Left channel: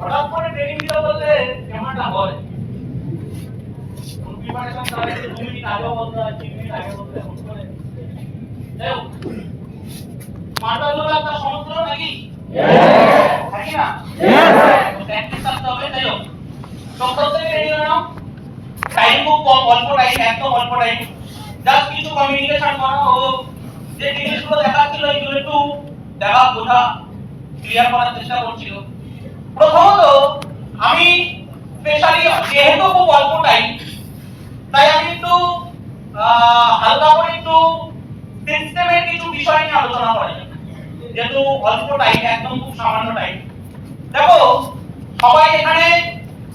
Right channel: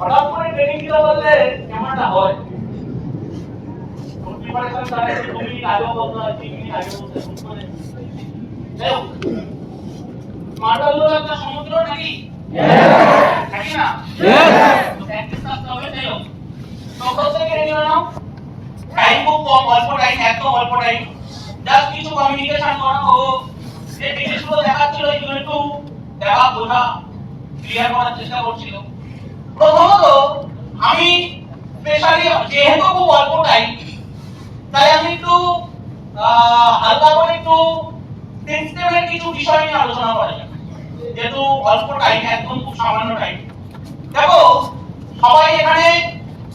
হঠাৎ করে ট্রেনিং দিতে বললে কেমনটা হয়? প্রিপারেশন তাহলে 2 মিনিট আগে বলতে হয়, 3 মিনিট আগে বলতে হয়। দেখো মার্বেল একটা সমুদ্র নাকি? নাকি না? প্র্যাকটিস করতে হবে। দেখো তোমরা থেকে রেডি হও। টাইম খুব কম, অল্প টাইম, একদম অল্প টাইম। জাস্ট কিছু কমিউনিকেশন করা ও যে জিনিসগুলো দেখাচ্ছিল এগুলো একটু দেখা বোঝা ক্লিয়ার করার চেষ্টা করছিল। প্রথমত আমি স্পেশালি যেহেতু খুব অল্প টাইম তাই আমি একটু হালকা করে একটু সিস্টেমের কিছু বিষয় নিয়ে আলোচনা করা যাবে, যেহেতু অল্প টাইম, একদম খুব সামান্য টাইম। দেখো সবাই এখানে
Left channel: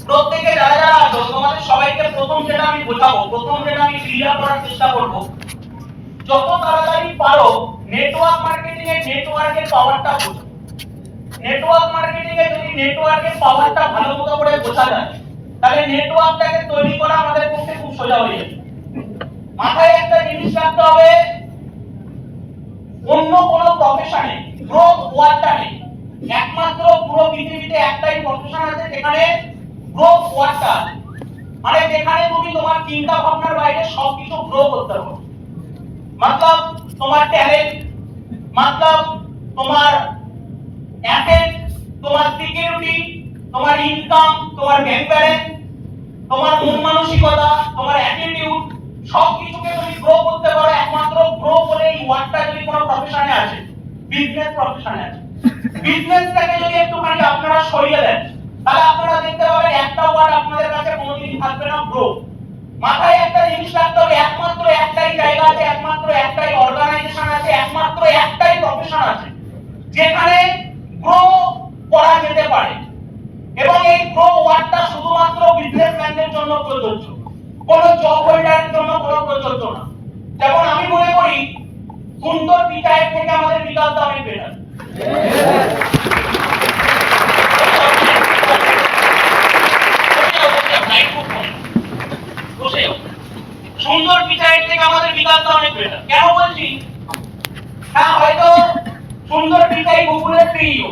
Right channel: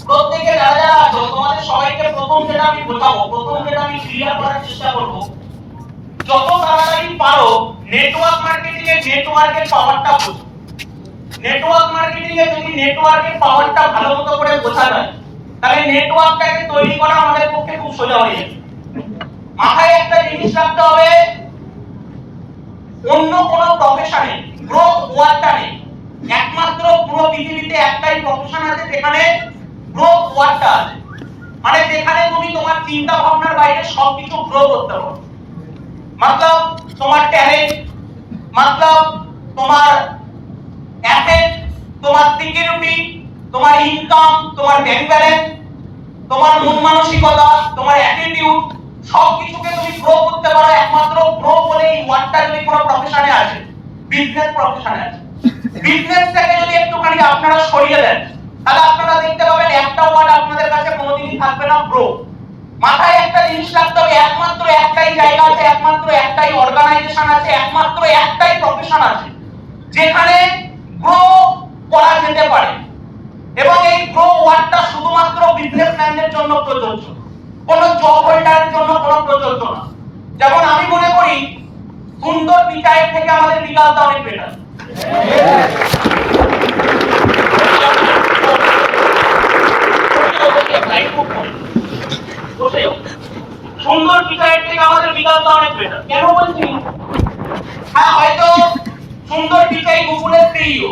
প্রত্যেকে যারা যারা আছো তোমাদের সবাইকে প্রথম যেটা আমি বোঝাবো, প্রথম যেটা আমি ক্লিয়ার করার চেষ্টা করব, যত তাড়াতাড়ি পারো নেটওয়ার্ক মার্কেটিং এর নেটওয়ার্কের পাওয়ারটা বোঝো। নেটওয়ার্ক মার্কেটিং এ যদি নেটওয়ার্কের পাওয়ারটা ভালোমতো করে বোঝা যায় তাহলে নেটওয়ার্কটাকে তৈরি করা আমাদের পক্ষে খুব সোজা হয়ে যাবে। মাথায় একটা জিনিস রাখতে হবে, অন্য কোনো প্রফেশনে গ্রোথ ওয়ার্ডটা নেই। একমাত্র পুরো পৃথিবীতে একটাই প্রফেশন আছে যেখানে গ্রোথ ওয়ার্ডটা আছে, মানে যেখানে তুমি তোমার চিন্তা ভাবনার বাইরে সবকিছু গ্রো করতে পারো। मतलब তোমার ট্যালেন্ট, मतलब তোমার অ্যাসেট, তোমার সিকিউরিটি, তোমার ইনকাম, তোমার ব্যাংক ব্যালেন্স, তোমার মন মানসিকতা, তোমার অ্যাটিটিউড, সবকিছুকে তুমি গ্রো করতে পারো একমাত্র গ্রো বলে এই ওয়ার্ডটা যদি কোনো প্রফেশনে আছে, বিজনেস প্রফেশনে আছে। বিজনেসটাকে যদি একটুখানি আপনারা সরিয়ে দেন তাহলে আপনারা দেখতে পাবেন একটা ওয়ার্ড আপনাদের কাছে কোনোদিনই থাকবে না, গ্রো। মাথায় একটা জিনিস রাখতে হবে, একমাত্র একটাই জায়গা আছে, একমাত্র একটাই অর্গানাইজেশন আছে, একমাত্র একটাই প্রফেশন আছে যেখানে গ্রো করা যেতে পারে, এবং এই গ্রো ওয়ার্ডটা শুধুমাত্র বিজনেসম্যানদের জন্য প্রযোজ্য, কোনো জব হোল্ডারের জন্য কোনো প্রযোজ্য না। যেমন আমি মনে করি সুন্দর বিচারের থেকে আমাদের বিকাশটা অনেক বেটার। সুন্দর বিচারের থেকে আমাদের বিকাশটা অনেক বেটার। কেন বলছি? হ্যাঁ হয়তো সুন্দর পিচাই কুকুরের প্রিয়,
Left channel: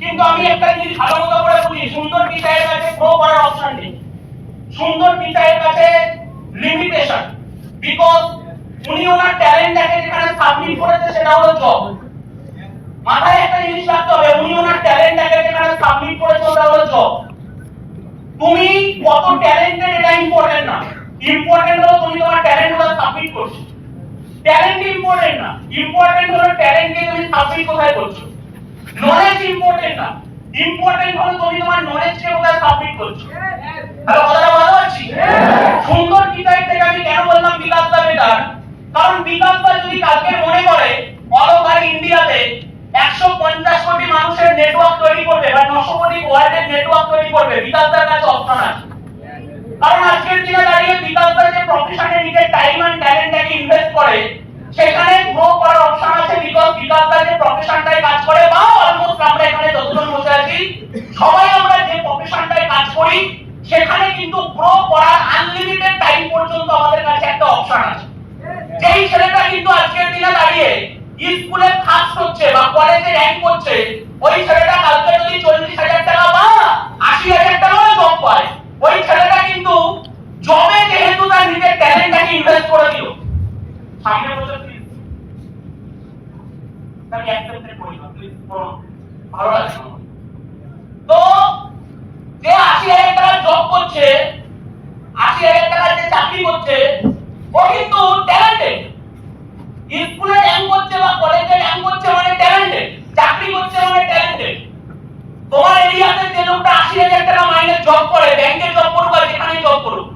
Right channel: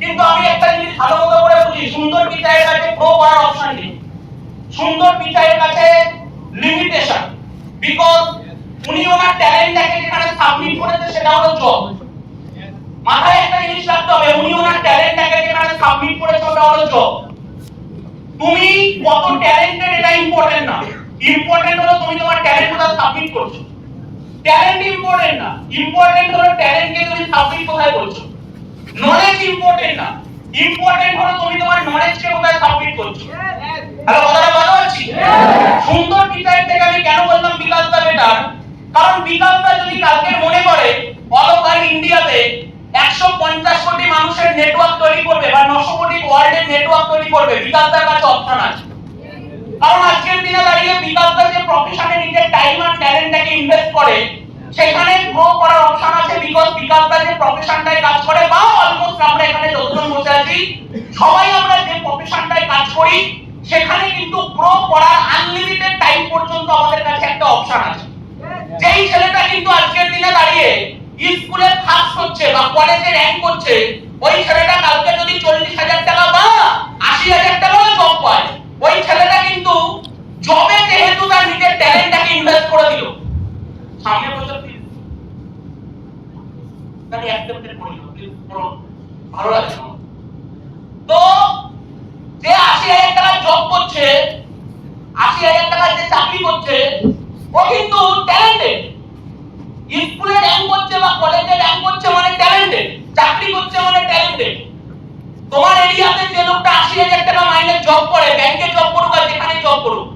কিন্তু আমি একটা জিনিস ভালো মতো করে বুঝি, সুন্দর পিচাইয়ের কাছে গ্রো করার অপশন নেই। সুন্দর পিচাইয়ের কাছে লিমিটেশন, বিকজ উনি ওনার ট্যালেন্টটাকে যেখানে সাবমিট করেছে সেটা হলো জব। মাথায় একটা জিনিস রাখতে হবে, উনি ওনার ট্যালেন্টটাকে যেখানে সাবমিট করেছে ওটা হলো জব। তুমি কত ট্যালেন্টেড এটা ইম্পর্টেন্ট না, ইম্পর্টেন্ট হলো তুমি তোমার ট্যালেন্ট কোথায় সাবমিট করছো। ট্যালেন্ট ইম্পর্টেন্ট না, ইম্পর্টেন্ট হলো ট্যালেন্টকে তুমি সাবমিট কোথায় করছো। নলেজ ইম্পর্টেন্ট না, ইম্পর্টেন্ট হলো তুমি তোমার নলেজকে কোথায় সাবমিট করছো। হ্যালো, কথাটা বুঝতে পারছি? সুন্দর পিচাইয়ের থেকে আমি কেন বললাম বিকাশটা বেটার, কারণ বিকাশটা যদি কালকে মনে করে অল ওভার ইন্ডিয়াতে 150 কোটি মানুষের নেটওয়ার্ক তৈরি করবে বা 900 কোটি ওয়ার্ল্ডের নেটওয়ার্ক তৈরি করবে, বিকাশটার কাছে অপশন আছে। কারণ আজকের দিনে দাঁড়িয়ে বিকাশটা যে প্রফেশনে নিজের টাইম আর ট্যালেন্টটাকে ইনভেস্ট করে সেখানে গ্রো করার অপশন আছে, বিকজ বিকাশটা যে প্রফেশনটায় কাজ করে বা অলমোস্ট আমরা এখানে যতজন বসে আছি সবাই আমরা যে প্রফেশনটায় কাজ করি সেখানে কিন্তু গ্রো করার আনলিমিটেড টাইম পর্যন্ত আমাদের কাছে একটা অপশন আছে। যেই ছেলেটা কিন্তু আজকের দিনে দাঁড়িয়ে স্কুলে ফার্স্ট হচ্ছে বা কলেজে র‍্যাঙ্ক করছে, ওই ছেলেটা কালকে যদি 40,000 টাকা বা 80,000 টাকা জব পায়, ওই ছেলেটা কিন্তু জবে যেহেতু তার নিজের ট্যালেন্টটাকে ইনভেস্ট করে দিল, সামনে বছর তাহলে অ্যাকসেপ্টেড করি না, প্লিজ পড়ুন, ভালো লাগছে। তো যে 80,000 টাকা জব করছে, 80,000 টাকা যে চাকরি করছে, ও কিন্তু ট্যালেন্টেড। স্কুলে র‍্যাঙ্ক করছে বা কলেজে র‍্যাঙ্ক করছে মানে ট্যালেন্টেড, চাকরি করছে মানে ট্যালেন্টেড। তোমার এরিয়াতে যে লোকটা 80,000 টাকা মাইনে জব করে, ব্যাংকে জব করুক আর যেখানে জব করুক,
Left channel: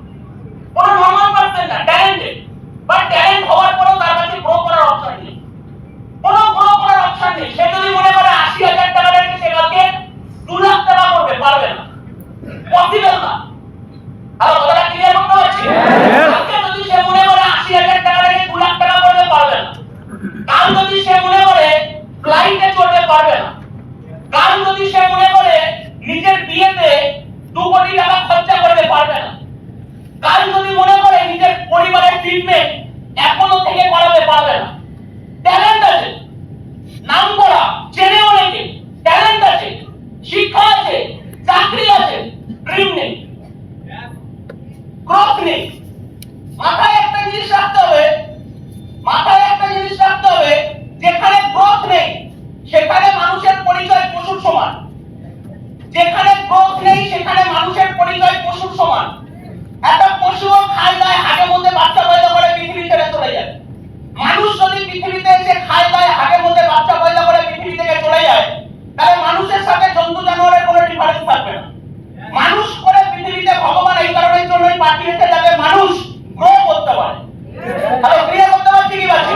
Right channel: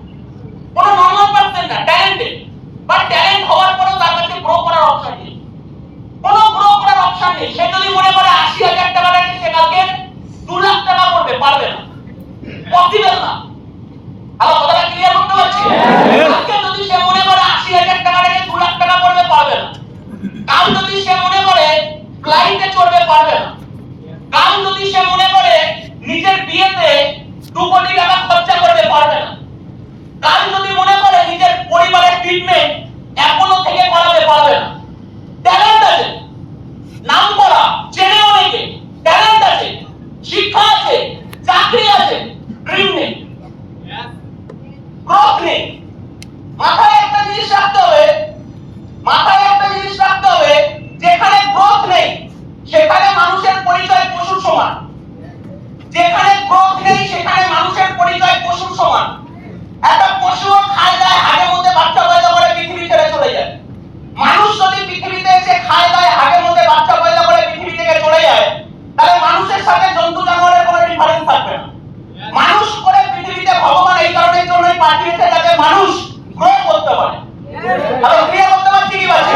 কোনো নরমাল পারসন না, ট্যালেন্টেড। বাট ট্যালেন্ট হওয়ার পরেও তার কাছে গ্রো করার অপশন নেই, কোনো গ্রো করার অপশন নেই। সে যদি মনে করে 80,000 টাকা দিয়ে সে কালকে 2 লাখ টাকা করবে, পারবে না, পসিবল না। আর কথাটা ক্লিয়ার করতে পারছি? আজকে যদি সে মনে করে 80,000 টাকা দিয়ে 2 লাখ টাকা করবে, পারবে না। কাল যদি সে মনে করে ফ্লাইটে চড়বে, পারবে না। কাল যদি সে মনে করে নিজের বিয়েতে 2 কোটি টাকা খরচা করবে, পারবে না। কাল যদি মনে করে নিজের পরিবারের ট্রিটমেন্ট এখনো থেকে করাবে, পারবে না। ট্যালেন্ট আছে, নাম করা, চেনে অনেকে, ট্যালেন্ট আছে, শিক্ষা আছে, চাকরি আছে, ড্রিম নেই, গ্রোথ নেই। মাথায় একটা জিনিস রাখতে হবে, মাথায় একটা জিনিস রাখতে হবে, যেখানে গ্রোথ নেই সেখানে মানুষের পরিচয় পশুর সমান। যেখানে গ্রোথ নেই সেখানে মানুষের পরিচয় পশুর সমান। একটা পশুও খায় দায় হাগের মধ্যে বাচ্চা পয়দা করে পৃথিবী ছেড়ে চলে যায়। মানুষ যদি পৃথিবীতে এসে খায় দায় হাগের মধ্যে বাচ্চা পয়দা করে পৃথিবী থেকে চলে যায়, তাহলে মানুষের সাথে জন্তু জানোয়ারের কোনো ডিফারেন্স থাকবে না। মানুষ করে পৃথিবীতে ভগবান এই কারণের জন্যই পাঠিয়েছে যাতে মানুষ গ্রো করতে পারে। আর ক্রিয়া করতে পারছি কি পারছি?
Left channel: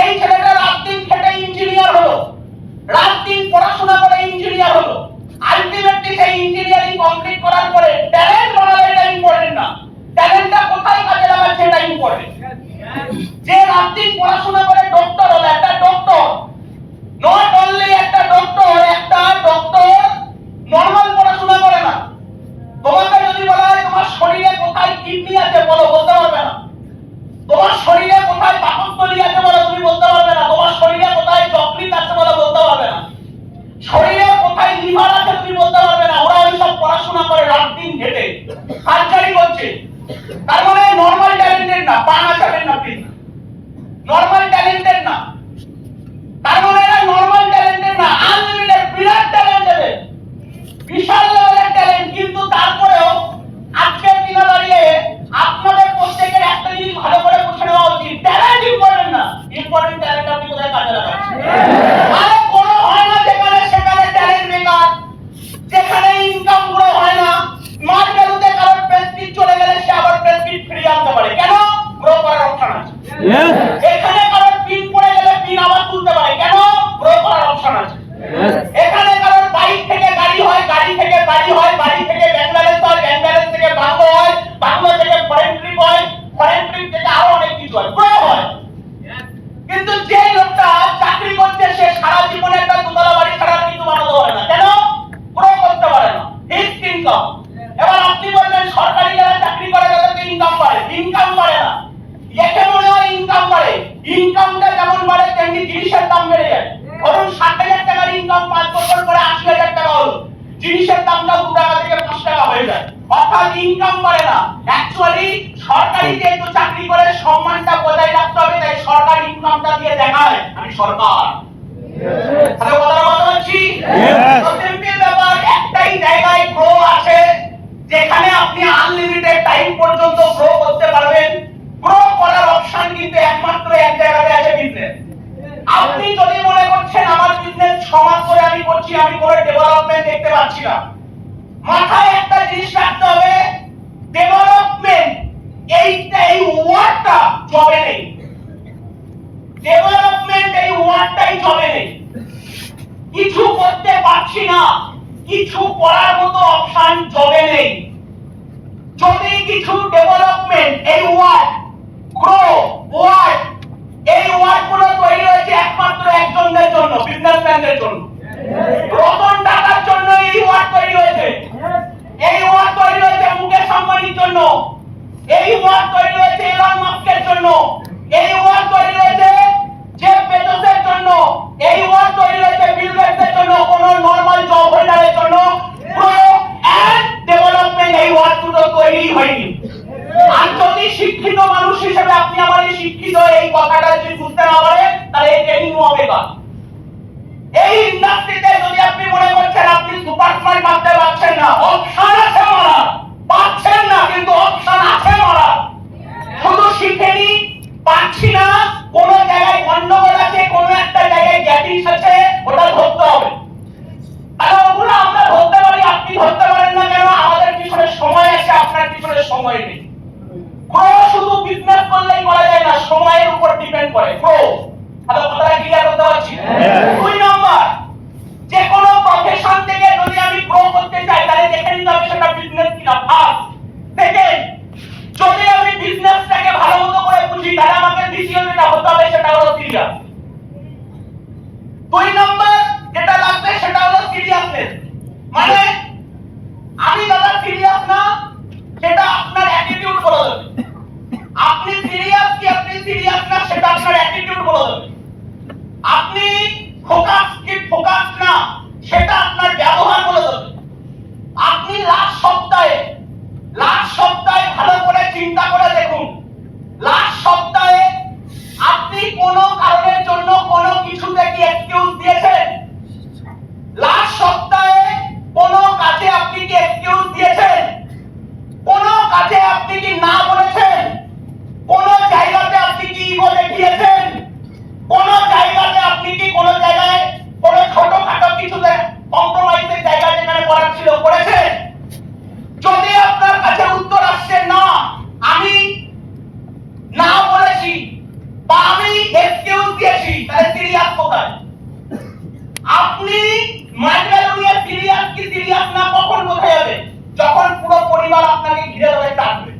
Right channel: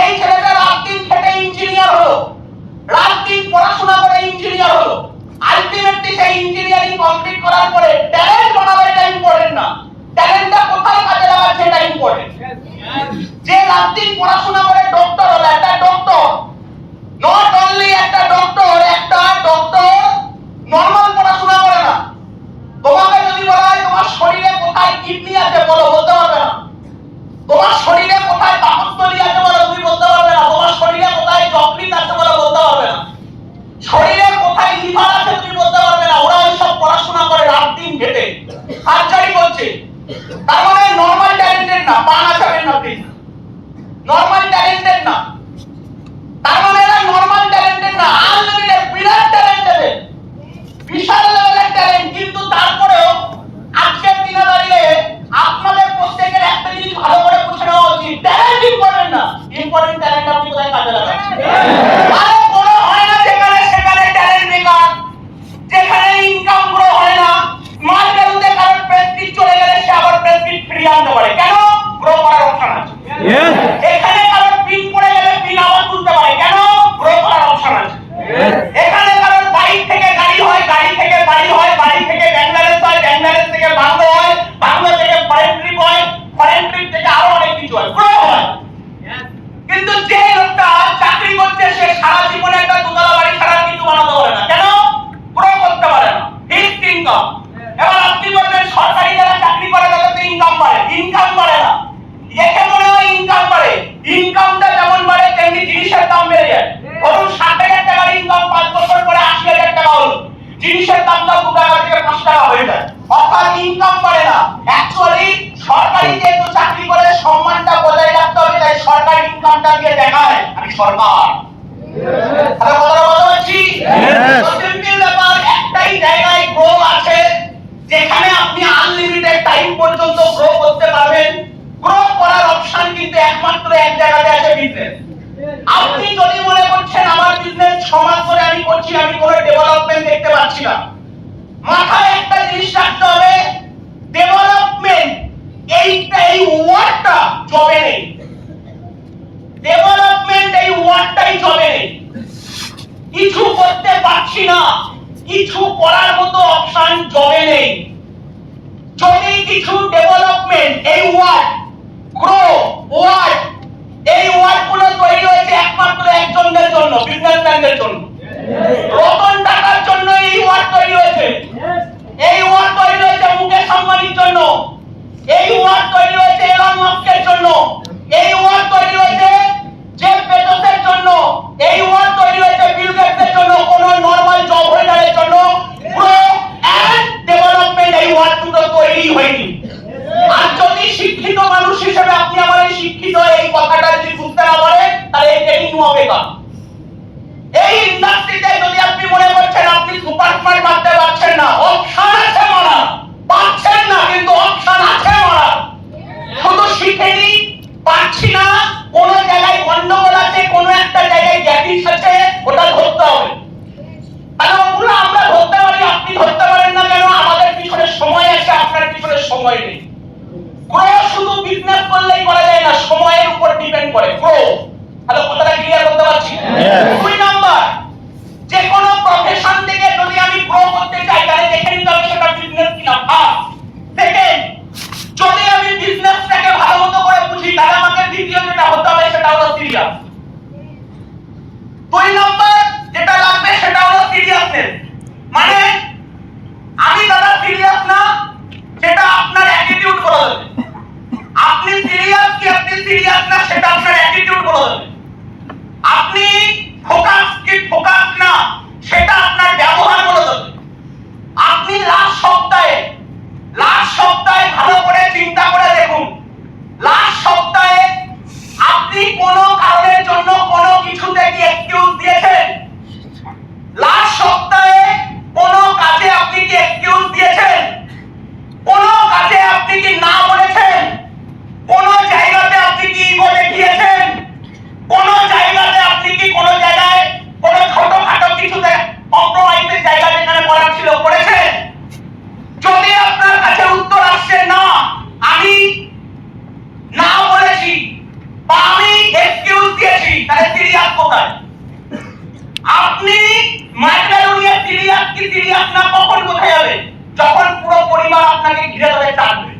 এই ছেলেটা রাত দিন খেটে ইঞ্জিনিয়ার হলো, রাত দিন পড়াশোনা করে ইঞ্জিনিয়ার হলো। আলটিমেটলি সেই ইঞ্জিনিয়ারিং কমপ্লিট করার পরে ট্যালেন্ট বানানো এটা ইম্পর্টেন্ট না, ট্যালেন্টটা কোথায় কাজে লাগাচ্ছে এটা ইম্পর্টেন্ট। যে রাত দিন পড়াশোনা করে ডক্টর হলো, একটা ডক্টর নট অনলি একটা ডক্টর নরমাল পড়াশোনা করে না। তোমাকে যদি বলা হয় তোমার শরীরে কোথায় কিডনি আছে বলো, বলতে পারবে না। তোমার শরীরে কোথায় পাকস্থলী আছে বলো, তুমি বলতে পারবে না। তোমার শরীরে কোথায় যকৃৎ আছে বলো, বলতে পারবে না। শরীরে কোথায় লিভার আছে তুমি বলতে পারবে না। ওরা ওইসব পড়াশোনা করে রাত দিন খেটে সার্জারি করছে। তার মানে নরমাল ট্যালেন্টেড না, পান আসাবেন না প্লিজ, নরমাল ট্যালেন্টেড না। তার মানে এরা নরমাল ট্যালেন্টেড না, আনলিমিটেড বিরাট ট্যালেন্টেড, বিশাল লেভেলের ট্যালেন্ট। কিন্তু তারপরেও আজকের দিনে দাঁড়িয়ে আপনাদের প্রত্যেকের একটা জিনিস ভালো করে বুঝে নেওয়া উচিত, ট্যালেন্ট ইম্পর্টেন্ট না, ইম্পর্টেন্ট ট্যালেন্ট আপনি কোথায় কাজে লাগাচ্ছেন। আরে কোনো হয় না যেখানে সেখানে ট্যালেন্ট বেকার, যেখানে ইনকাম গ্রো হয় না। স্মার্ট ভ্যালুতে কারোর প্রেস্টিজ চলে গেলে সে আবার প্রেস্টিজ ফিরিয়ে আনতে পারে, কেন? গ্রো করার অপশন আছে। এখানে কারোর পিন পড়ে গেলে পিন আবার তুলতে পারে, কেন? গ্রো করার অপশন আছে। এখানে কারোর বাইক থেকে গাড়ি হয়, গাড়ি থেকে বাড়ি হয়, বাড়ি থেকে ব্যাংলাদেশ হয়, ব্যাংলাদেশ থেকে বাংলো হয়, বাংলা থেকে ফরেন ট্রিপ হয়, ফরেন ট্রিপ থেকে আরো অনেক কিছু হয়, গ্রো হয়। কিন্তু যে লোকটা চাকরি করছে সে সারা জীবনে একটা দুতলা বাড়ি ছাড়া কিছু বানাতে পারে না, কেন? গ্রো করতে পারে না, ফিক্সড ইনকাম। এবার আপনি বলবেন সরকারি যারা চাকরি করে তাদের ইনকাম বাড়ে, ইনকাম বাড়ে না। একে মনে হয় ইনকাম বাড়ে, ইনকামটা যেমন বাড়ে তেমনি জিনিসের দাম বেড়ে যায়। ধরুন 60,000 টাকার ইনকাম 5 বছর পরে 80,000 টাকা হলো, জিনিসের দামটা 2 টাকা থেকে 5 টাকা হয়ে যায়, অর্থাৎ ইনকাম বাড়ে না। অ্যাকচুয়ালি সরকারি যেহেতু চাকরি করে সম্মানটা বজায় রাখতে হবে, তাই সরকারি ইনকামটা দিয়ে দেখায় আমি সরকার। তাহলে কথাটা বলতে পারছি? সিম্পল ব্যাপার, একটাই জায়গায় গ্রো আছে যেখানে আপনি আনলিমিটেড টাইম পর্যন্ত গ্রো করতে পারবেন। গ্রো করার অপশন কিন্তু একমাত্র এক জায়গাতে আছে, বিজনেস। আপনি যদি মনে করছেন আমার বিজনেস সমাজ করে আমি করছি, আমি কোনো ডেভেলপমেন্ট দেখতে পাচ্ছি না, মাথায় একটা জিনিস রাখতে হবে, ডেভেলপমেন্ট এই ওয়ার্ডটা জবে নেই। ডেভেলপমেন্ট এই ওয়ার্ডটাই জবে নেই। কিছু করতে পারছি না, কিছু করার মতো অপশন জবে নেই। যদি কিছু ডেভেলপমেন্ট এই ওয়ার্ড, গ্রো ওয়ার্ড, এই ওয়ার্ডগুলো তৈরি হয়েছে একমাত্র একজনদের জন্য, বিজনেসম্যানদের জন্য। রতন টাটার জন্য এই ওয়ার্ড তৈরি হয়েছে, এই ওয়ার্ড তৈরি হয়েছে মুকেশ আম্বানির জন্য, এই ওয়ার্ড তৈরি হয়েছে এলন মাস্কের জন্য, এই ওয়ার্ড তৈরি হয়েছে জেফ বেজোসের জন্য, এই ওয়ার্ড তৈরি হয়েছে বিল গেটসের জন্য, কোন নরমাল জব হোল্ডারের জন্য গ্রো এন্ড ডেভেলপমেন্ট এই ওয়ার্ড দুটো তৈরি হয়নি। আর যদি শিক্ষিত মানুষ হিসেবে আপনি আমার এই শিক্ষিত এই কথাটা যদি বুঝতে না পারেন, তাহলে এই ট্রেনিং হবে না। এই ইন্ডাস্ট্রিতে যদি আপনি মনে করছেন আপনি সুপার স্মার্ট বানতে পারছেন না, অপশন আছে মারা, পাচ্ছেন না কিন্তু অপশন আছে মারা। শুধু শিখেনি পাচ্ছি না, কোন জায়গায় গন্ডগোল আছে, কোন একটা জায়গায় গ্যাপিস আছে, ওটা ধরতে হবে। তাহলে ওগুলো আমরা ধরতে পারি, আপনি ধরতে পারেন না কেন? আমাদের পিছনে সময় আছে, আপনার পিছনে সময় নেই। গ্রো শুধু বিজনেস করলেই করা যায় না, সময়ের উপর ডিপেন্ড করে গ্রো। তাহলে কথাটা ক্লিয়ার করতে পারছি? 2 নাম্বার, যে কোনো প্রফেশন থেকে যদি আমি গ্রো করতে চাই তাহলে দেখে নিতে হবে সেটা বিজনেস কিনা। ফার্স্ট। সেকেন্ড, যদি আমি বিজনেসটাকে ভালো মতো করে বুঝি তাহলে আমাকে দ্বিতীয় যেটা হতে হবে সেটা হলো সিরিয়াস। 2 নাম্বার যেটা লাগবে সেটা হলো সিরিয়াসনেস। মানে আমি দাদা সিরিয়াস না, সেটা আপনার অ্যাটিটিউড বলে দেবে। আপনি সিরিয়াস কি আপনি সিরিয়াস না সেটা আপনার অ্যাটিটিউড বলে দেবে। আপনি ফোকাস কি ফোকাস না সেটা আপনার ব্যবহার বলে দেবে। এক্সকিউজ দিয়েছেন? লাস্ট সপ্তাহে কোন কাজে আপনি কি এক্সকিউজ দিয়েছেন? কোন কাজে আপনি কি না বলেছেন? কোন জায়গাতে আপনি কি বলে গিয়েছেন? কোন জায়গাতে আপনি কি কোন জায়গায় কোন ছোটখাটো কিছুতে কম্প্রোমাইজের জায়গা যেখানে করার ছিল করেছেন? যদি আপনার কাছে উত্তর আসছে না, আমি না বলেছি বা আমি এক্সকিউজ দিয়েছি, তাহলে সিরিয়াস কোথায়? আপনি মাইক্রোনিয়া সিরিয়াস কি সিরিয়াস না কখন কোথায় যাবে? যখন পুরো পরিবার আপনাকে ঘিরে ধরে চাটবে,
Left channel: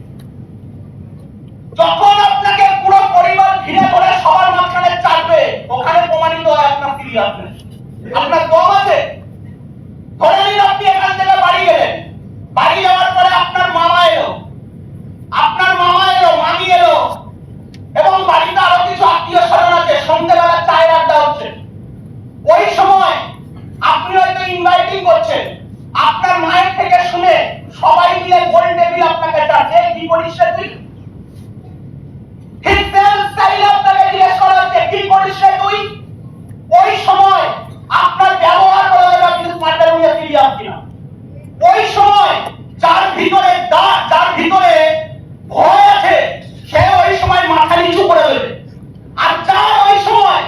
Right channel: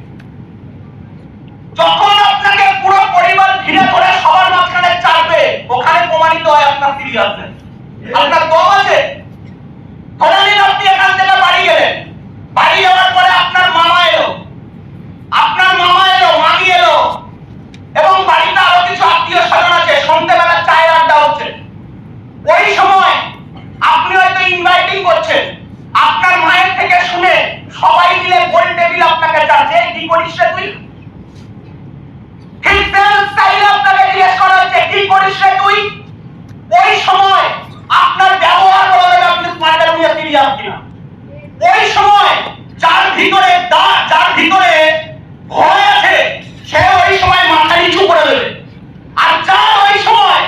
যখন আপনাকে পুরো পরিবার ঘিরে ধরে সবার মাঝখানে চাটবে, ওখানে প্রমাণিত হয় আপনার সিরিয়াসনেস, আপনার দম আছে। ধরে নিন আপনি এখান থেকে বাড়ি গেলেন, বাড়ি যাওয়ার পরে আপনার মামা এলো, মামি এলো, এবং বাড়িতে আরো কিছু আত্মীয় স্বজন আছে, সন্ধ্যেবেলা চায়ের আড্ডা হচ্ছে। ওই সময় আপনি হয়তো ইনভাইটিং করছেন, আপনার মায়ের থেকে শুনে সবাই মিলে গোল টেবিল আপনাকে চাচ্ছে, কি করিস রে তুই? ঠিক সেম স্টাইলে আপনাকে জিজ্ঞেস করা হচ্ছে, কি করিস রে তুই? ওই সময় আপনার ব্যবহার বলে দেবে আপনি স্মার্টার নিয়ে সিরিয়াস কিনা। ওই সময় যার ভিতরে ভয় আছে, সে ওই সময় মাথা নিচু করে দেবে, আর যার ওই সময়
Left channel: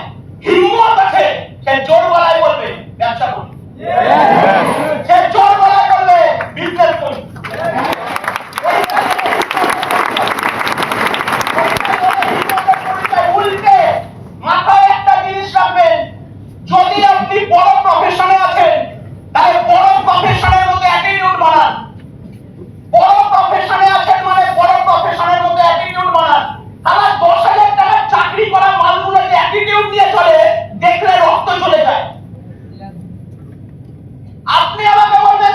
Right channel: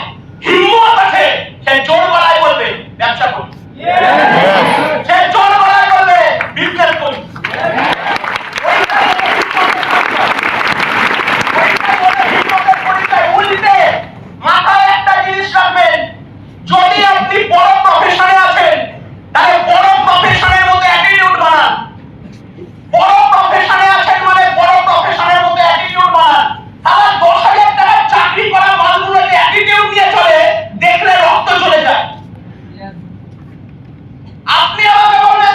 হিম্মত আছে, সে জোর গলায় বলবে ব্যবসা করি, সে জোর গলায় বলবে বিজনেস করি। উল্টে মাথায় একটা জিনিস রাখবেন, যদি আপনি বড় প্রফেশনে আছেন, তাহলে বড় প্রফেশনের মতো অ্যাটিটিউড বানান। বড় প্রফেশনে আছেন মানে বড় প্রফেশনের মতো অ্যাটিটিউড বানান। তাহলে 10,000 টাকার চাকরি করা মালগুলো যে অ্যাটিটিউড নিয়ে চলে, দেখলে রক্ত চলে যায়। আপনি আমাকে বলবেন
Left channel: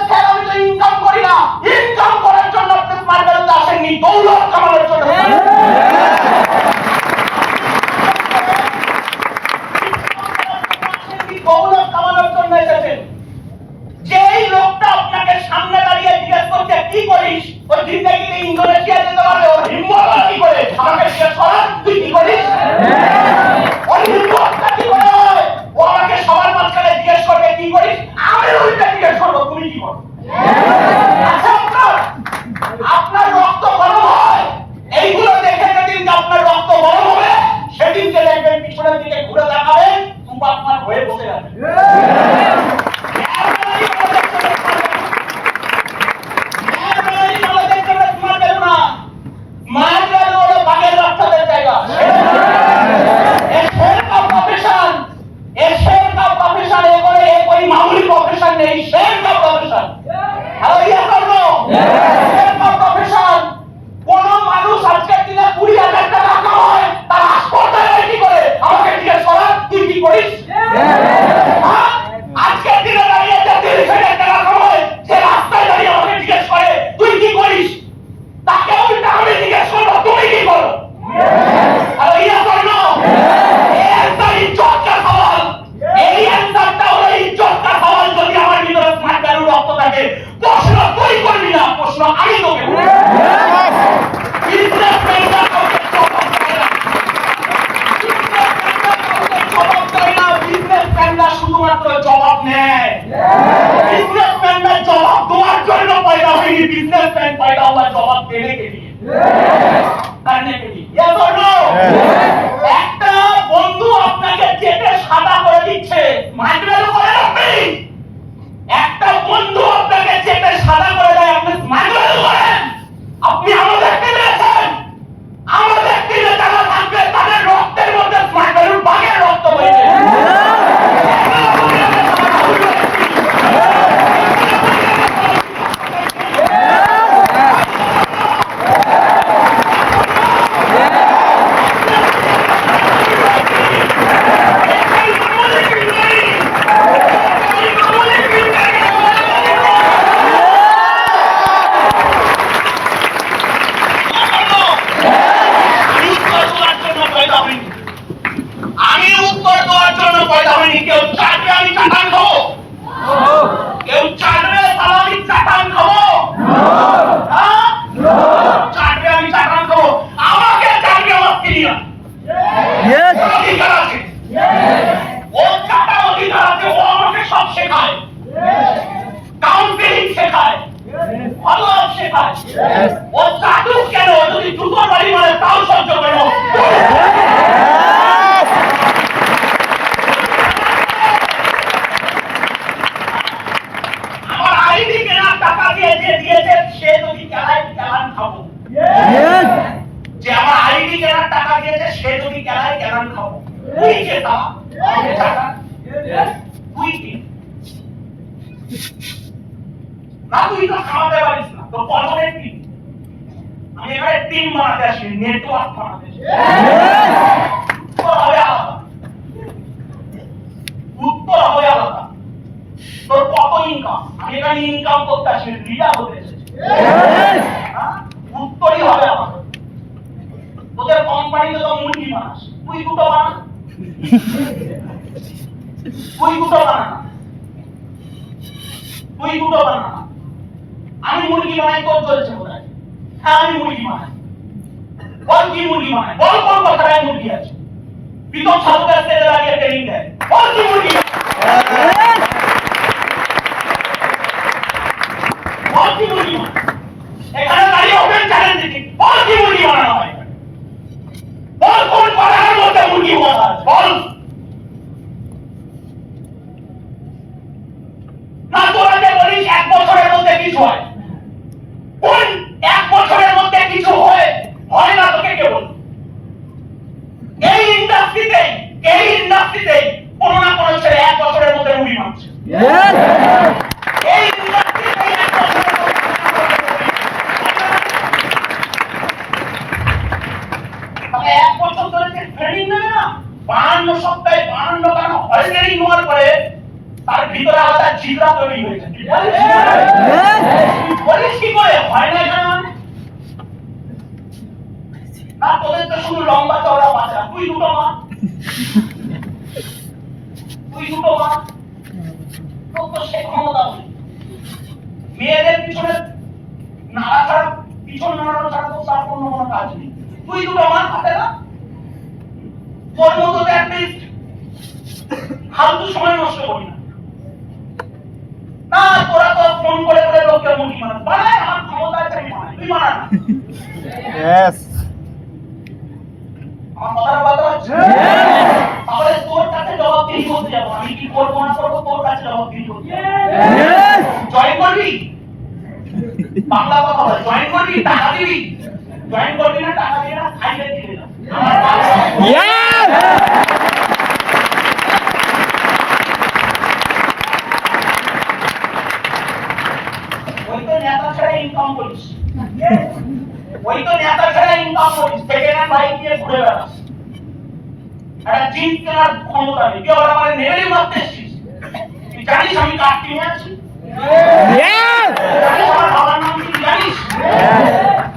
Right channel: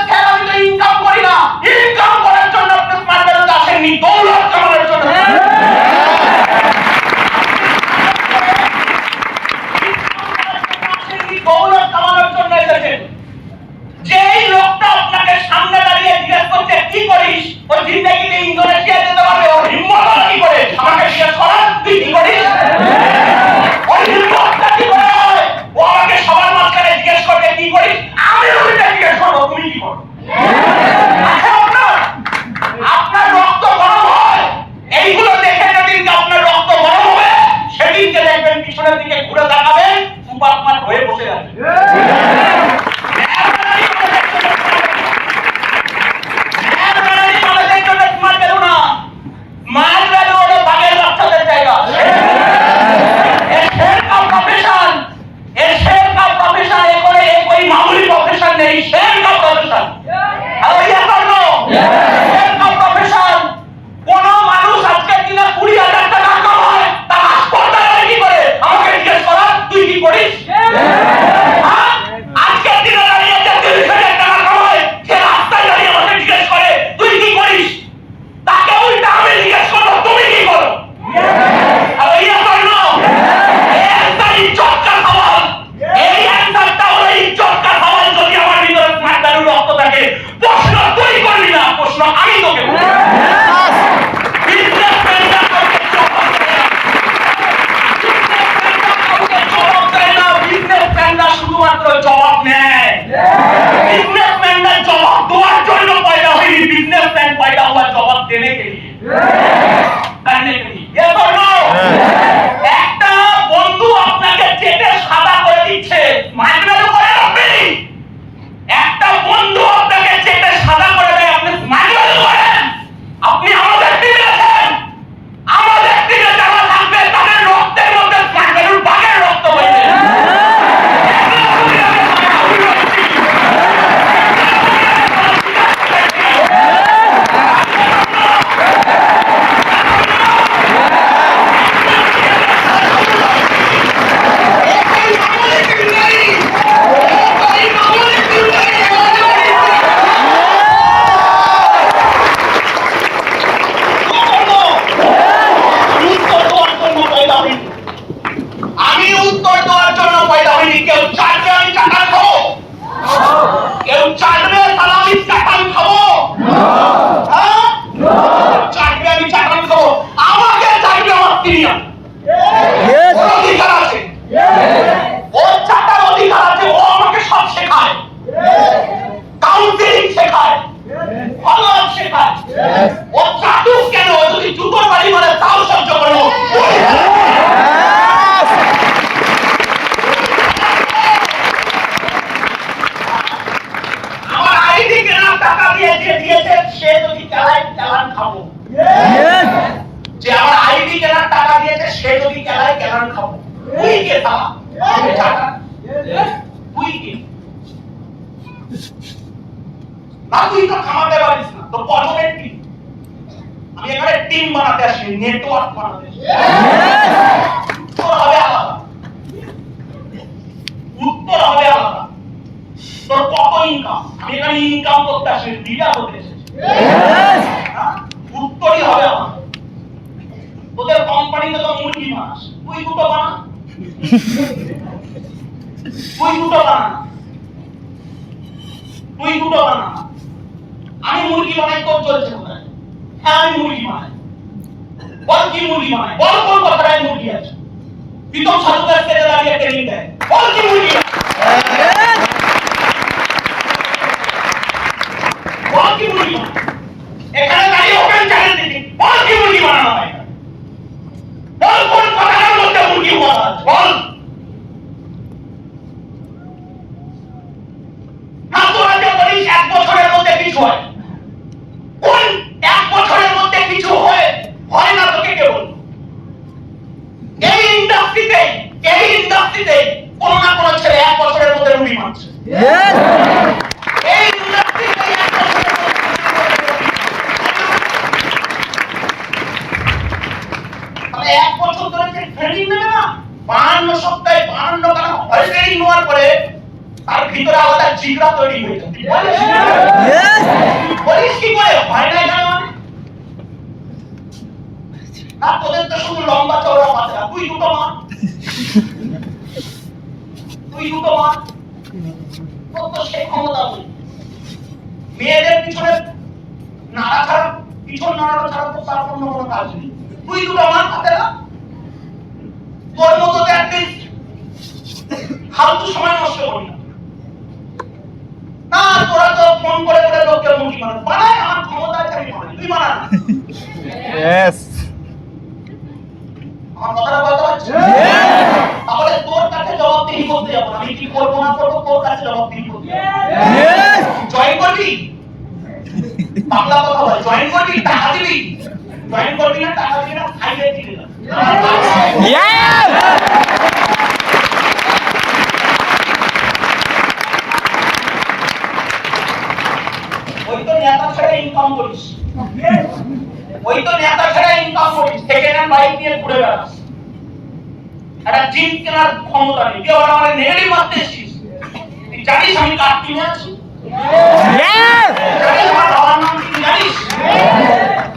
ও চাটুক কেন, ও যদি জুতোর বাড়ি মারে তাও সহ্য করবো। আমার আইডি কেনার টাকা দিয়ে যে দিয়েছে সে যদি চালায় চালান খাবো। যে আমার আইডি কেনার টাকা দিয়েছে সে যদি চালায় চালান খাবো। তুই কে তা? তুই কে? না তুই তো খামাতে পারিস না, তো কর্মের টিম। আমি এখানে টিম বানাতে আসি, নেটওয়ার্ক বানাতে আসি। উত্তর হবে আলাদা, উত্তর হবে আলাদা। তোর কত ইনকাম? আমি এখানে ইনকাম করতে আসি, লিডার হতে এসেছি। উত্তরই হবে আলাদা। তোদের কোম্পানিতে তো মুরগি বানাস, তুই দুটো বানা, তুই দুটো বানা, তুই দুটো বানা। আমি মুরগি বানাই, তোর চলছে কোথায়? হ্যাঁ আমি মুরগি বানাই। বল কি মুরগি বানাই? বল কোন কথাটায় মুরগি আছে? প্রীতম সাধুকার স্টেজে দাঁড়িয়ে ট্রেনিং দেয়, বল কি মুরগি বানাই? বল কি মুরগি বানাই? এখানে দাঁড়িয়ে ওপেন চ্যালেঞ্জ দিচ্ছি, বল কি মুরগি বানানো হয়? বল কোন কথাটার মধ্যে মুরগি বানানো আছে? বল। না তোরা যে বলিস 1 বছরের মধ্যে কিছু হয়, কোন 1 বছরের মধ্যে কিছু হয়? হয় না তোকে কে বল? এই ইন্ডাস্ট্রিতে কোন না কোন ছেলে 1 বছরের মধ্যে রুটি মারছে। এই ইন্ডাস্ট্রিতে 1 বছরের মধ্যে তবে 1 বছর ধরে যে ট্রেনিং নেবে না, 52 সপ্তাহে 52 কারণ হয় ট্রেনিং নেওয়ার পরে তার ভিতরে আলাদা জিগরা তৈরি হয়ে যায়। বলিস কি করে হয় না জানো? না তোদের তো শুধু লম্বা চওড়া পাতলা, তুই দুটো মা, তুই দুটো মা, তোর তো সে ক্ষমতা নেই। মেয়েদের পিছনে নাড়া ছাড়া, পিছন নাড়ানো ছাড়া তো তার অন্য কোনো কাজ নেই। তুই দুটো মা পাতে না, তোর মতো তো অ্যাটলিস্ট ফালতু সময় নষ্ট করি না। না তোরা তো ফোন করে করে লোককে মুরগি বানাস, বানায় আমার ক্ষমতা আছে আমি বানাই, তুই বানা না। Yes. আমার কথাটা বলতে পারছিস? তাহলে তোর কাছে জবাবদিহি করতে যাবো, আমি কি করবো না করবো তোর কাছে জবাবদিহি করতে যাবো। জয়েন করবি? বাংলা কথা বল, জয়েন করবি? টাকা দিবি? জয়েন করবি না, টাকা দিবি না, খাইতে দিবি না। Yes. ওই তো নেতা ছাড়া ইনকাম করিস, ওই তো নেতা ছাড়া ইনকাম করিস, সেকেন্ড হ্যান্ড বাইক নিয়ে ঘুরে বেড়াস, একটা জিম কেনার ক্ষমতা নেই, তুই আবার আমার নেগেটিভ মারতে এসেছিস। তুই জানিস আমি কার টিমে আছি? Yes. জানিস আমার বাবার নাম কি জানিস?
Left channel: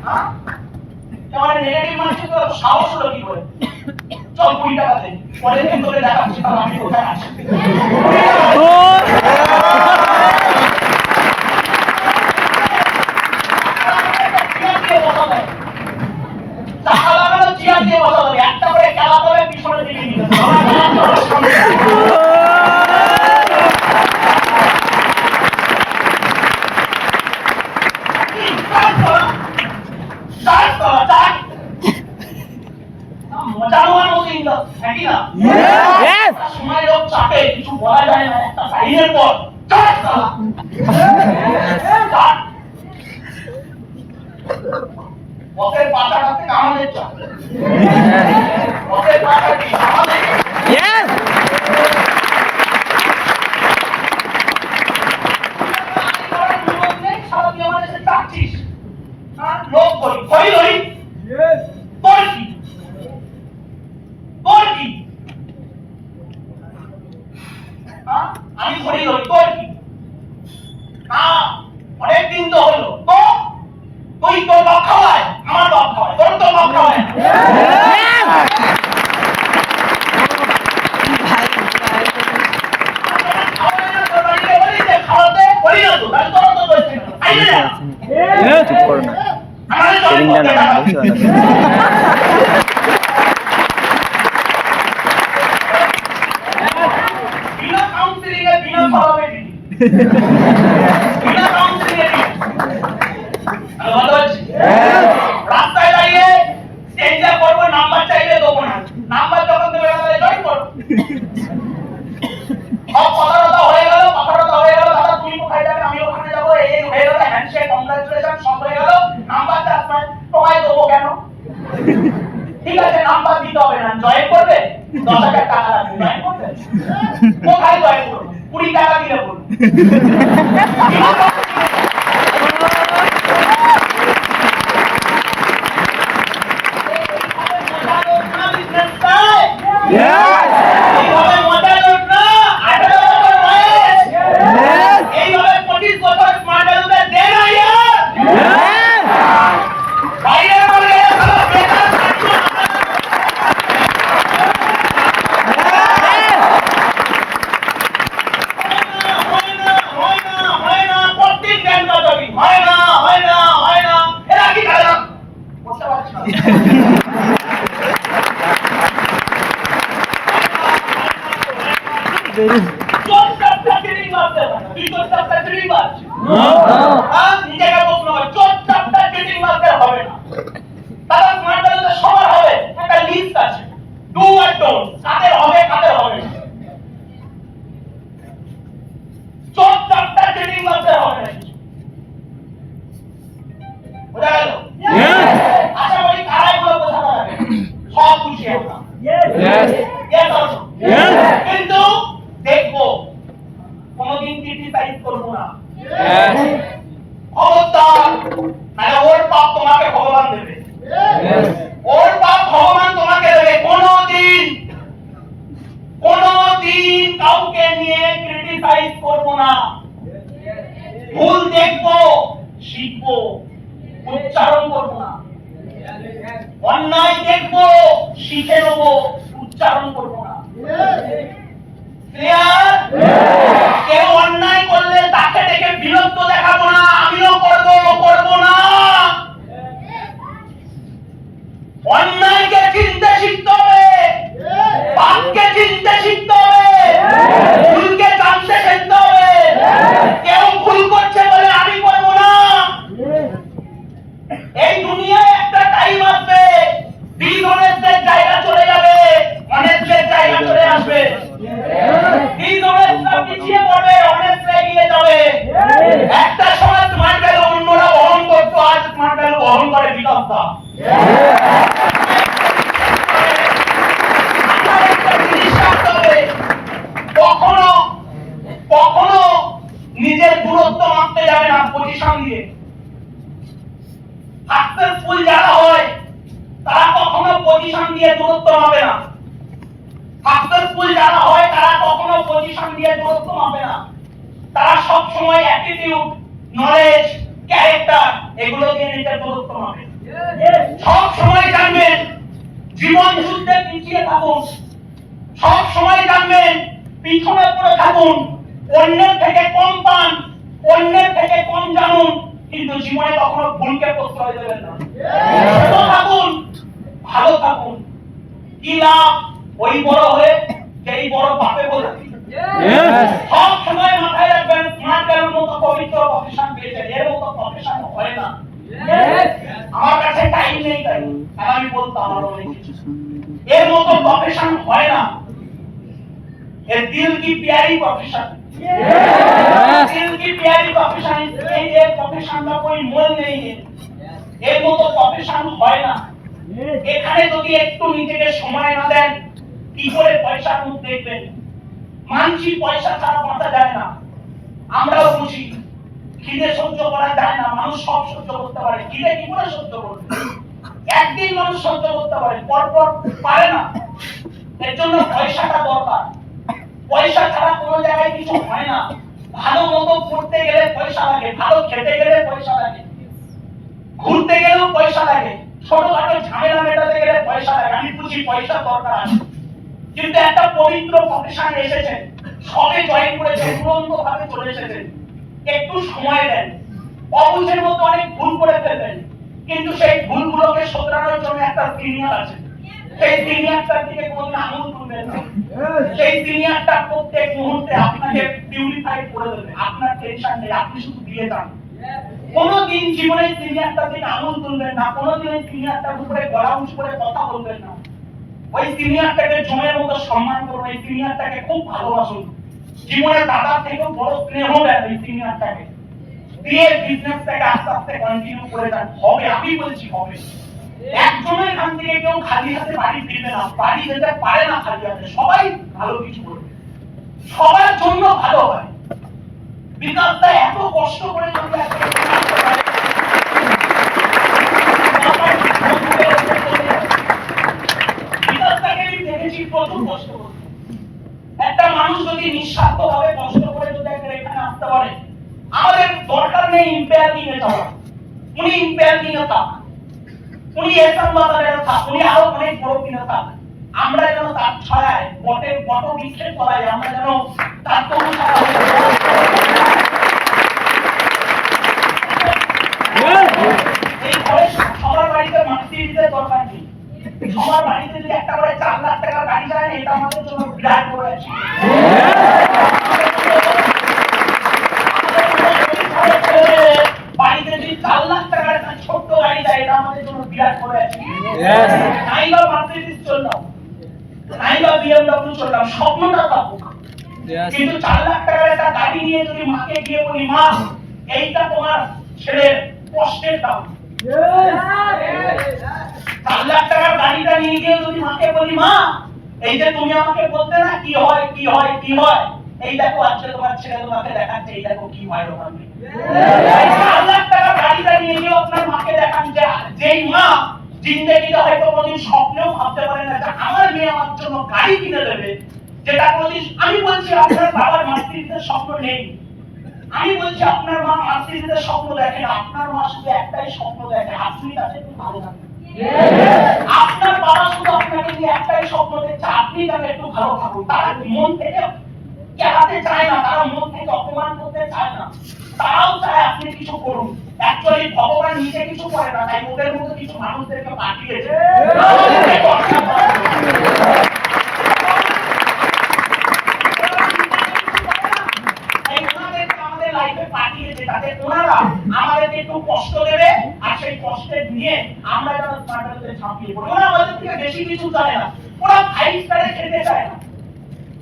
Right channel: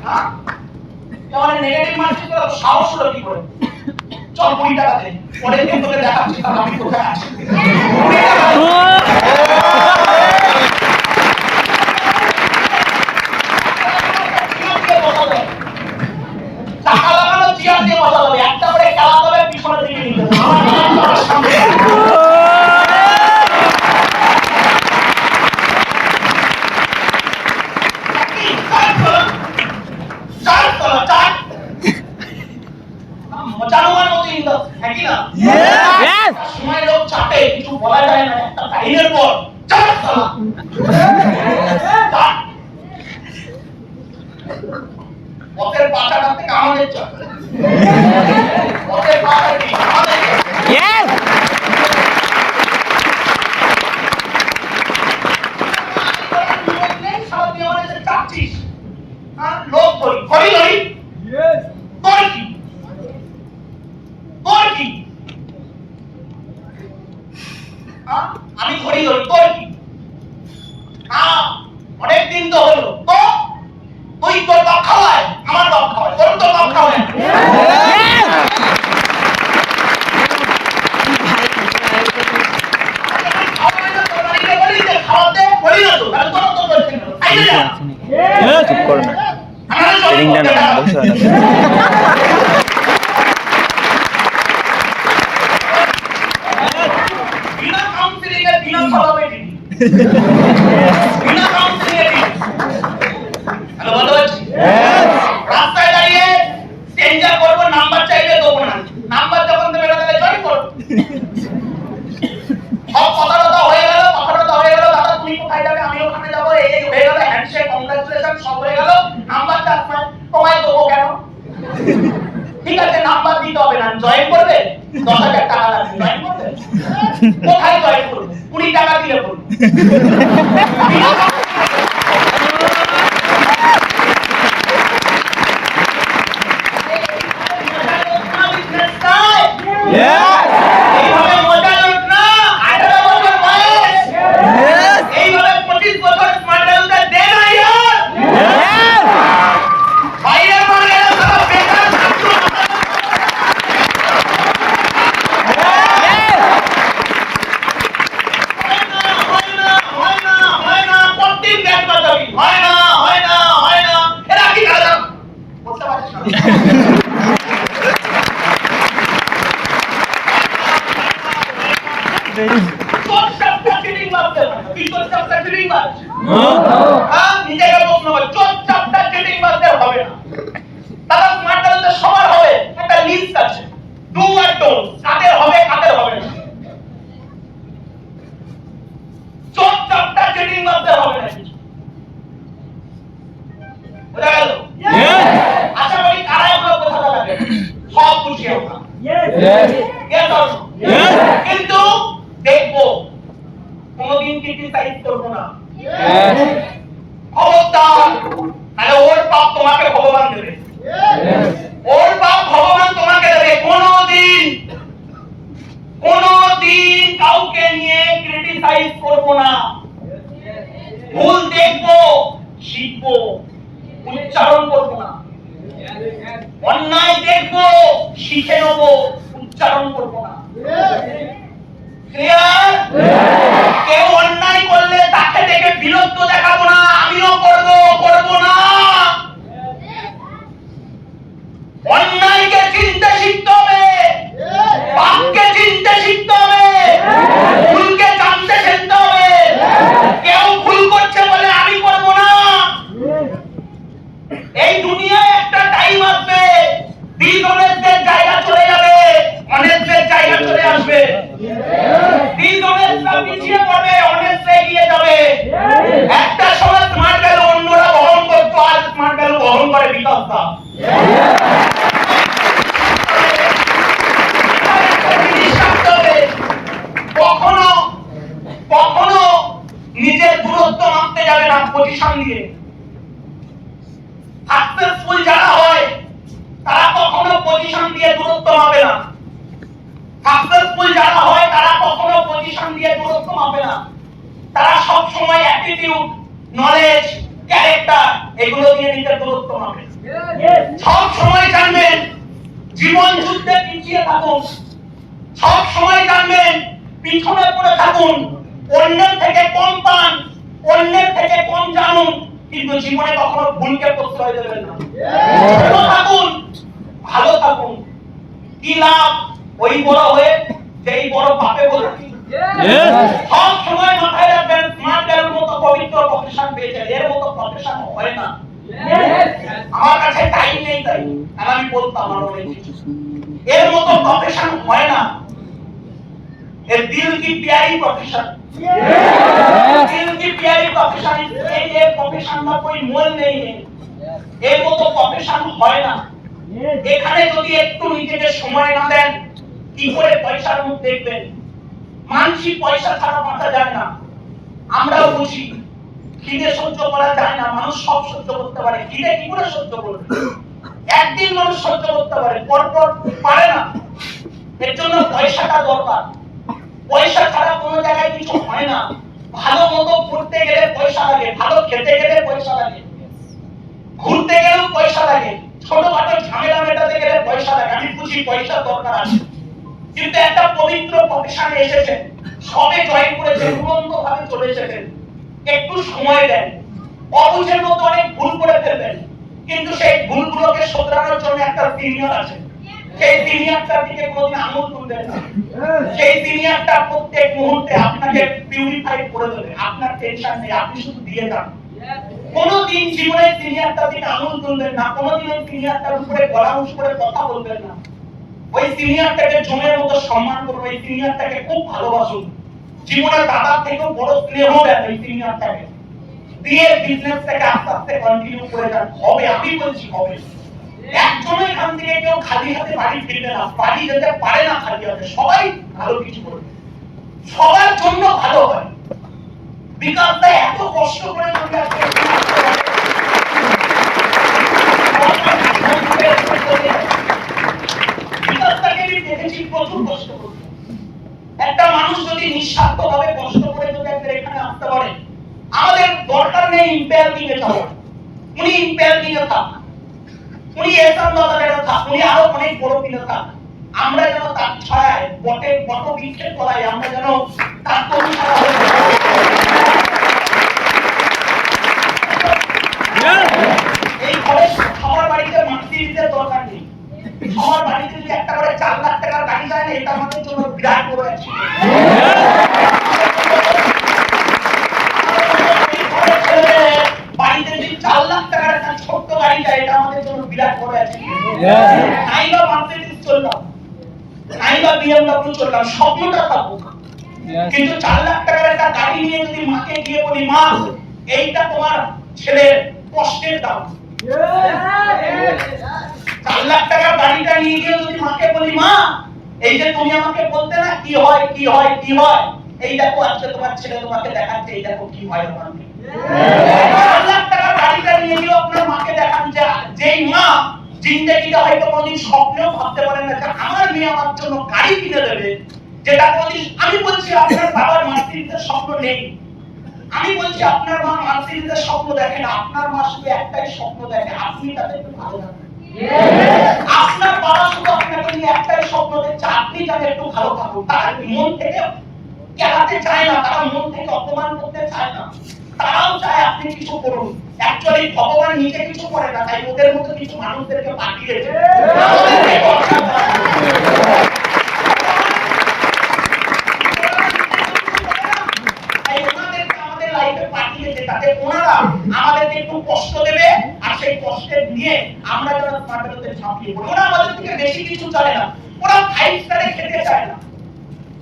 হ্যাঁ? তুই আমার নেগেটিভ মারছিস, তোর সাহস হলো কি করে? চল 20 টাকা দে, পরের দিন তোকে দেখাচ্ছি তার আমি কোথায় আছি। টাকা লাগানো চেয়ার দিয়ে বসা হবে, একটা করে চালাতে হবে, পিছনে দিকে নিতে হবে। মজা নেওয়ার মতো ইন্ডাস্ট্রি, হ্যাঁ কি না? Yes. সময় লোক চাপে, কিছু বলা যায় না, একটা টাইমের পর চাপ চালা। চাপ। পথের পাতাটা থেকে আমাদের চাপ, পথের পাতা কি আমাদের? Yes. লোক ধরি ধরি ধরি তোর কি, তোর কি? আমি ধরি ধরি তোর কি? না অনেক দিন তো হলো, তো তুই তোর বাপ খাওয়ায়, আমার বাপ খাওয়ায়, তোর তো বাপ খাওয়ায়। চুপ করো না, ট্রেনিংটা না বসে না। বিনা কাউন্সিলিং এর বিনা ফলাফল বিনা কাউন্সিলিং এর হ্যালো বলো ঠিক আছে, নাম্বার দিতে হবে না, জয়েন করবে, 10,000 টাকা লাগবে, জয়েন করবে? কোথায় জয়েন করবে? 20 টাকা দিলে করবে। এইভাবে মজা লোট না, 18 বছর বয়স, এইভাবে 25 বছর স্মার্ট ভ্যালুতে দে না ইয়ার। বাইরের মার্গে সারা বেকার ছাত্র হয় না, প্রত্যেক ব্যাংক বাজাবি, হয় না। এরা কি করে না? বলতে পারছিস না। চোদ্দটা ট্রেনিং মারতে হবে, তুই 14টা ট্রেনিং মার। নিজেকে প্রশ্ন কর, 14টা ট্রেনিং মারতে হবে না। দাদা স্মার্ট ভ্যালুতে সবার হবে, একটা লিস্ট আছে, ডু আর ডোন্ট, কাদের হবে কাদের হবে না। 14টা ট্রেনিং মারতে হবে না, বোঝা গেল? আশা করি কারা এগুলো বোঝাতে লাগে, সব খুশি আমরা। কিন্তু দেখবো কোনদিন ক্রিটিসাইজ করবো না, খবরদার, নাহলে ওর পাপ তোমাকে ভগবান দেবে, ওর পাপ ভগবান তোমাকে দেবে। কোনদিন কাউকে নিয়ে ক্রিটিসাইজ করবো না, ভুল দেখবো, শিখবো, উচ্চারণ করবো না। অন্যায় দেখবো, শিখে নেবো, উচ্চারণ করবো না। ক্লিয়ার? কেউ অন্যায় করলে তাকে দেখে বিরক্ত দেখাবো না, আমিও করবো না। অন্যায়কে চিনতে শিখতে হবে, পাপকে চিনতে শিখতে হবে, ভুলকে জানতে শিখতে হবে। কেউ ভুল করছে বলে আমি করবো না। এই দুনিয়ায় একটা টাইম আসবে, ডিসঅনেস্টদের জায়গা চলে যাবে, অনেস্টদের জায়গা চলে আসবে। ডিসঅনেস্টরা পিছিয়ে পড়বে, অনেস্ট এগিয়ে যাবে। একটা সময় স্মার্ট ভ্যালু অন্যরা বহন করতো, আজ স্মার্ট ভ্যালু বহন করে বিকাশটা। কখনো নিজের দূরত্ব মাপতে যাবে না পজিশন দিয়ে। সাকসেসফুল যারা হয় তারা কখনো পজিশন দিয়ে দূরত্ব মাপে না। সাকসেসফুল যারা হয় তারা কখনো পজিশন দিয়ে দূরত্ব মাপে না। তারা সব সময় অ্যাটিটিউড, নলেজ, ক্যারেক্টার এগুলো দিয়ে নিজের দূরত্ব মাপে। সব সময় জানবেন জীবন যুদ্ধে পিছিয়ে থাকুন, সব সময় জানবেন পিছনে পড়ে থাকুন, অন্যের থেকে কম পান, অন্যের থেকে কম জানুন, কিন্তু জীবনে কখনো ভুলকে প্রশ্রয় দেবেন না। ছোট থাকুন, ভালো থাকুন। কি লাভ ওই বড় হয়ে যেই বড় পাপে বলে। সব সময় মাথায় রাখবেন স্মার্ট ভ্যালুর মতো পবিত্র প্রফেশন পেয়েছেন, এর মতো প্রফেশন হয় না। আমার কাছে টাইম নেই তাই, আর আমি বলতাম আমার মনে এর মতো প্রফেশন হয় না। এর দিল কি প্যারি প্রফেশন, दिल की प्यारी प्रोफेशन, ये प्रोफेशन का कोई मोल नहीं है। এর মতো প্রফেশন হয় না। এখানে যদি একটু নিজেকে সময় না দেন কি করে পয়সার মুখ দেখবেন? মানসিক পয়সা ছাড়া বাঁচা যায় না। আমরাও বুঝি খিদে সহ্য করা যায় না, মানুষ সব সহ্য করতে পারে, খিদে কি করে সহ্য করবে? একদিন মানুষ সহ্য করতে পারে, পরপর পারে না। এর জন্য পয়সাটা দরকার। পয়সা ছাড়া কোনো জায়গায় কিছু হয় না। ভালো মতো পড়তে গেলে পয়সা লাগে, ভালো খেতে গেলে পয়সা লাগে, ঘুরতে গেলেও পয়সা লাগে, ছোটখাটো ঝামেলা মেটাতে গেলে পয়সা লাগে। আমি বুঝি পয়সা দরকার আছে, কিন্তু একটা পবিত্র প্রফেশনে এসেছেন, সবে জয়েন করেছেন, উড়ন্ত ভাবে চলে এসেছেন, একটু সময় দেন। অবুঝের মতো অনেক ভুল করে ফেলবেন, কিন্তু সেই ভুলগুলোকে শোধরানোর জন্য একটা সিনিয়র আছে। সেই সিনিয়রটার দিকে কোনোদিন আঙুল তুলবেন না। সেই সিনিয়রটা প্রত্যেক মুহূর্তে আপনাকে পিউরিফাই করে দেবে, আপনার টেনশন নেই, আপনি শুধু দিয়ে যান। কোনোদিন জীবনে সিনিয়রটার দিকে আঙুল তুলবেন না, কোনোদিন ওই সিনিয়রটার উপরে গলা উঁচু করে কথা বলবেন না। ওই সিনিয়রটাকে জমের মতো সম্মান করুন, ওই সিনিয়রটাকে খুব ভালোবাসুন। জীবনের দাদার থেকেও বড় স্নেহ দেন ওই সিনিয়রটাকে, দিয়ে বিজনেসটাকে আস্তে আস্তে কন্টিনিউ করে যান। হবে, আমি বলছি হবে। একজনও এখান থেকে কেউ খালি হাতে বাড়ি ফিরবে না, বাড়ি যেতে পারে না খালি হাতে, সবাই ভালো কিছু করবে, সবার জন্য ভালো হয়। বিকাশটা এত কষ্ট করে যদি আজকে বিকাশটাকে আমি দেখেছি প্রচুর কষ্ট করতে। একটা মানুষ যদি নিঃস্বার্থ ভাবে কষ্ট করে যদি একটা এখানে আসতে পারে, আমাদের দরকার নেই ইম্পেয়ার নিয়ে যাওয়া। উনি ইম্পেয়ার নিয়ে থাক, উনি এসাম বাজারে থাক, উনি আরো অনেক বড় কিনে থাক, আমরা যেন তার ছায়ায় বট বৃক্ষের তলায় আমরা যেন তার তরু ছায়া হয়ে এই ঘরে সবার বাড়িতে মাতৃত্বের দরকার নেই। সবার বাড়িতে যদি একটা করে 4 লাখ টাকার গাড়ি যায় না, এটা আমাদের জন্য বিরাট বড় আছে। বাড়িতে যদি 4 লাখ টাকার একটা ছোট্ট গাড়ি যায়, এটা আমাদের জন্য বিরাট বড় আছে। নাইবা মার্সিডিজ চললাম, নাইবা বিএমডব্লিউ চললাম, স্বপ্নটা থাকুক, কিন্তু 4 লাখ টাকার একটা গাড়ি নিয়ে যদি মাকে গিয়ে বলি, মা এইটা তোমার ছেলের কষ্টের দাম, 4 লাখ টাকার গাড়িটা নিয়ে গিয়ে যদি মাকে বলি, মা এই যে তুমি আমাকে বলতে না কি হয় কি হয় কি হয়, এই দেখো আজকে তোমার ছেলে তোমাকে দেখাচ্ছে, এই দেখো কি হয় আমার। 4 লাখ টাকার গাড়িটা নিয়ে গিয়ে আপনার মাকে দেখান, যেই মা জিন্দেগিতে হয়তো কোনদিন স্বপ্নেও ভাবতে পারেন না যে আমার মেয়ে আমার জন্য গাড়ি কিনে দেবে, যেটা কোনদিন, আমি বলছি আপনার বাবার মাতৃত্বের স্বপ্ন নেই, আমি বলছি আপনার মা মাতৃত্বের স্বপ্ন দেখেন, আপনার মা শুধু একটাই স্বপ্ন দেখে, আপনি তাকে একটু ভালো থাকবেন। আপনার বাবা শুধু আপনাকে নিয়ে একটাই স্বপ্ন দেখছে, আপনি তাকে একটু ভালো থাকুন। তারা মন থেকে কেনাতে চায় না, তারা মন থেকে অপমান করতে চায় না, তারাও চায় আপনি কিছু করুন। অ্যাকচুয়ালি ভগবান নিজে কিছু করে না, তাই ওদের মতো কিছু মানুষদেরকে পাঠিয়েছে আমাদের লাইফে পাঠিয়েছে, যাতে ওনারা আমাদেরকে একটু কষ্ট দেবে, আর সেই কষ্টের নিয়ে আমরা যেন তাদের ঝাঁপিয়ে পড়ি। ওরা আমাদের থেকে বেশি কিছু চায় না, ওরা 5 স্টারে খেতে চায় না,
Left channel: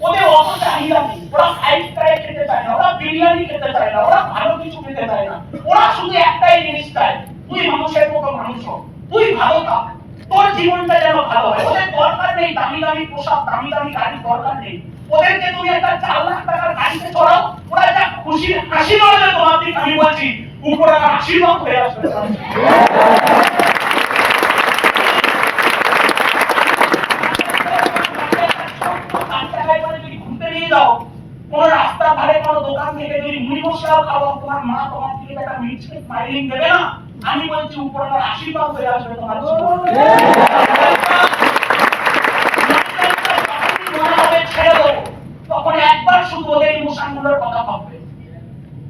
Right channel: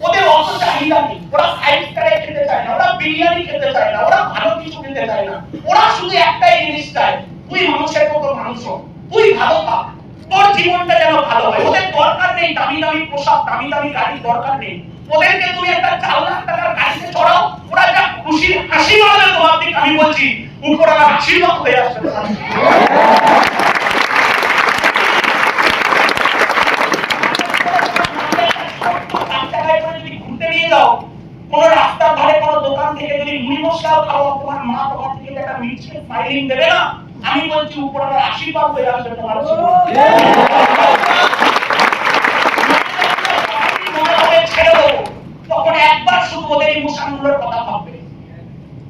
ওদের অত চাহিদা নেই, ওরা 5 স্টারে খেতে চায় না, ওরা বিরিয়ানি খেতে চায় না, ওরা ভালো কিছু খেতে চায় না, ওরা শুধু একটাই জিনিস চায়, তুই মানুষের মতো মানুষ হ, তুই ভালো থাক, তোর জীবনটা যেন ভালো হয়। ওদের দরকার নেই দামি দামি পোশাক, দামি দামি গাড়ি দরকার নেই, ওদেরকে তুমি একটা 4 লাখ টাকার গাড়িতে চড়াও, ওরা যা খুশি হাসি মারবে তোমার দিকে, আমি বলছি উপরে আশীর্বাদ হয়ে আসবে। কোন রাস্তার ধারে কোন দোকান থেকে যদি মুড়ি মশলাও খাওয়া, তোমার মা তোমার থেকে একটা মিষ্টি স্মাইলিং দেবে না, আমি বলছি উপরওয়ালার আশীর্বাদ হয়ে আসবে তোমার জীবনে। ছেড়ে দেবো তখন একবার শুধু ওদের ইমোশনগুলোর কথা ভাববে।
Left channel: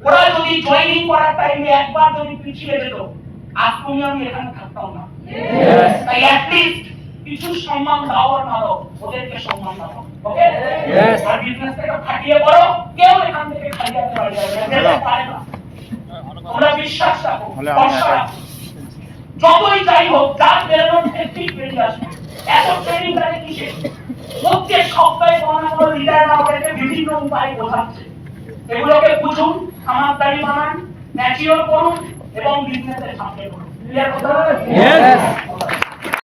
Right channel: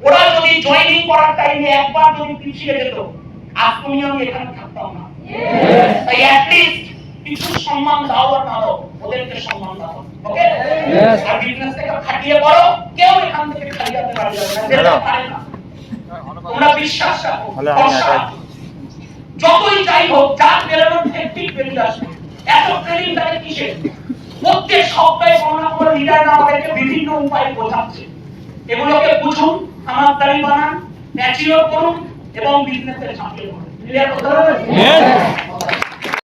ওরা যদি জয়েনিং করার টাইমে একবার যদি পিছিয়ে যেত, আজ তুমি আমি এখানে থাকতাম না। তাই অ্যাটলিস্ট কিছু সম্মান দাও আর না দাও, ওদেরকে সম্মান দাও। ওকে, আর বিজনেসটাকে খাটিয়ে করো, কেউ এখান থেকে খালি হাতে বাড়ি যাবে না। তোমরা বিশ্বাস রাখো, যতই যাই হোক, যার বেরোনোর ঠিক বেরিয়ে আসবে। এত ট্রেনিং লাগে কিসে? প্রত্যেক সপ্তাহে কোনো না কোনো লিডার আমাদেরকে বিভিন্ন উপায়ে বোঝাচ্ছে। এগুলোকে বুঝুন, খামারদারি বানান, ম্যাচিওর করুন এবং বিজনেসে ঝাঁপিয়ে পড়ুন। ক্লিয়ার কথা?